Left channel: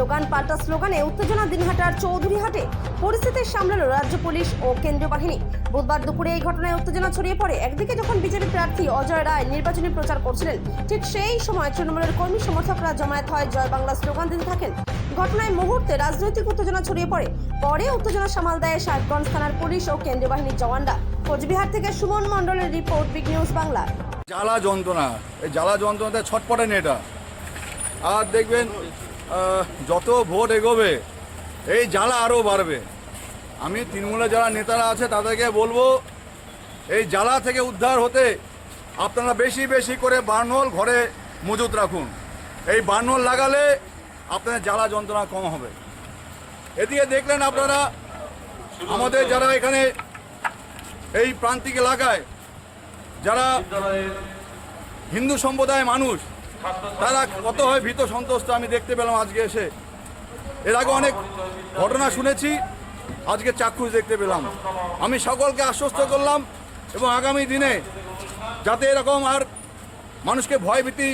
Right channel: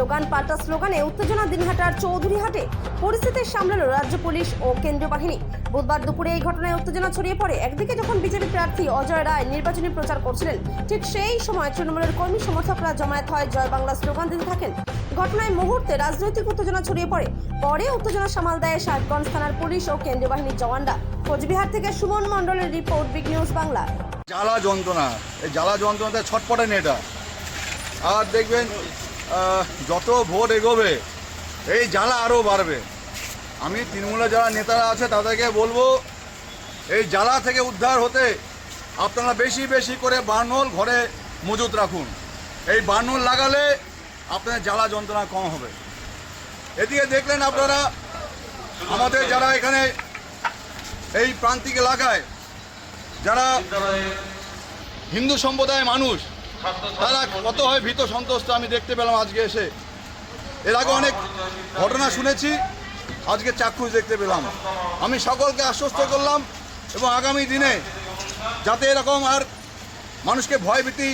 Slogan পাল্টা স্লোগানে উত্তেজনা দিনহাটার চৌধুরীহাটে। পরিস্থিতি সামলালো রাজ্য পুলিশ ও কেন্দ্রীয় বাহিনী। বুধবার দুপুরে এই ঘটনায় উত্তেজনা ছড়িয়ে পড়ে। একদিকে যখন বিজেপি প্রার্থী অজয় রায় নির্বাচনী প্রচার করছিলেন, ঠিক সেই সময় তৃণমূলের কর্মী সমর্থকরা জমায়েত হয় জয় বাংলা স্লোগান দিতে থাকেন। ঘটনায় মুহূর্তে রাজনৈতিক উত্তেজনা ছড়িয়ে পড়ে। পরে উত্তেজনা সামাল দেয় সাহেবগঞ্জ থানার পুলিশ ও কেন্দ্রীয় বাহিনীর জওয়ানরা। কোচবিহার থেকে সুমন মণ্ডলের রিপোর্ট, বিগ নিউজ বাংলা। জ্বালা যন্ত্রণা, এই জ্বালা যন্ত্রণাতে ছটপটেন এটা। আর দেখবেন যত ভোট এগোবে এই জ্বালা আরও বাড়বে। আমি তৃণমূলের যারা নেতারা আছে তাদেরকে বলবো, এই জ্বালা থেকে উদ্ধার হতে আপনারা বেশি বেশি করে বার্নহোল ঘরে মজুত রাখুন। এই বার্নহোল লাগালে আপনাদের জ্বালা যন্ত্রণা কম হবে। এদিকে দেখলেন আপনারা আমাদের যারা এখানে এই প্রান্তিক এলাকায় যারা হিন্দু সম্প্রদায়ের মানুষ, তারা কত হয় ভীত সন্ত্রস্ত আমি দেখতে পেলাম আজকে এসে। এর আগে অনেক ঘটনা শুনেছি, আজকে চাক্ষুষ দেখতে পেলাম। আমি সকলকে আশ্বস্ত করলাম এবং আগামী দিনে যাতে এরকম আর মানুষকে ভয়ভীতি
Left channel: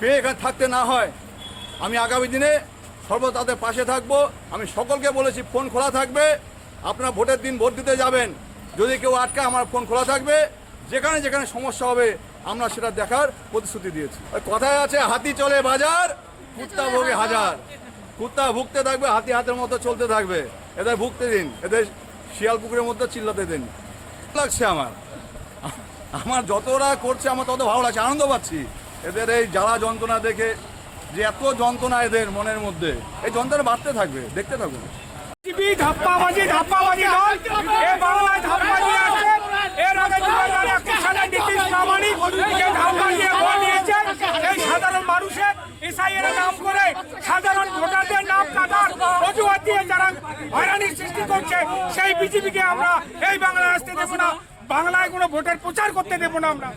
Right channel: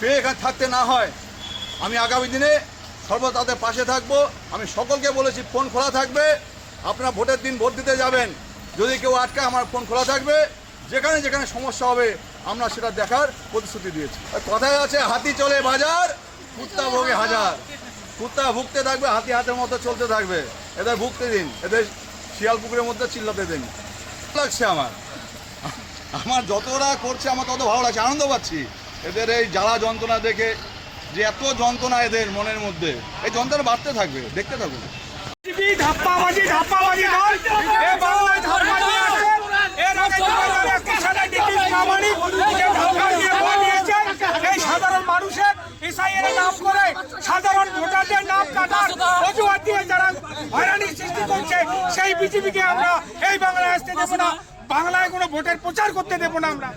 পেয়ে এখানে থাকতে না হয়, আমি আগামী দিনে সর্বদা তাদের পাশে থাকবো। আমি সকলকে বলেছি ফোন খোলা থাকবে, আপনারা ভোটের দিন ভোট দিতে যাবেন, যদি কেউ আটকায় আমার ফোন খোলা থাকবে। যেখানে যেখানে সমস্যা হবে আমরা সেটা দেখার প্রতিশ্রুতি দিয়েছি। কথায় আছে হাতি চলে বাজার, কুত্তা ভোগে হাজার। কুত্তা ভুগতে থাকবে, হাতি হাতের মতো চলতে থাকবে। এদের ভুগতে দিন, এদের শিয়াল পুকুরের মধ্যে চিল্লাতে দিন। লাগছে আমার যতটা করছে আমার তত ভালো লাগছে, আনন্দ পাচ্ছি এদের এই জ্বালা যন্ত্রণা দেখে, যে এত যন্ত্রণা এদের মনের মধ্যে, এই যন্ত্রণা বাড়তে থাকবে, দেখতে থাকুন। ধাপ্পাবাজি নয়, এ বাংলায় ধাপ্পাবাজি আছে। এর আগে 2021 সালে নীতিশ প্রামাণিক যে ধাপ্পা দিয়ে ভোট দিয়েছে, এই সাধারণ মানুষের এসআইয়ের নাম করে সাধারণ ভোটারদের নাম কাটার অজুহাত দিয়ে যারা হয়রানির সৃষ্টি করছে, সেই বিজেপিকে আমরা এই বাংলায় আসতে দেব না। বাংলায় কোনো ভোটের প্রচার করতে দেব না। আমরা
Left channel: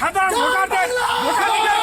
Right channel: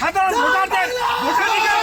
সাধারণ ভোটারদের ভোটাধিকার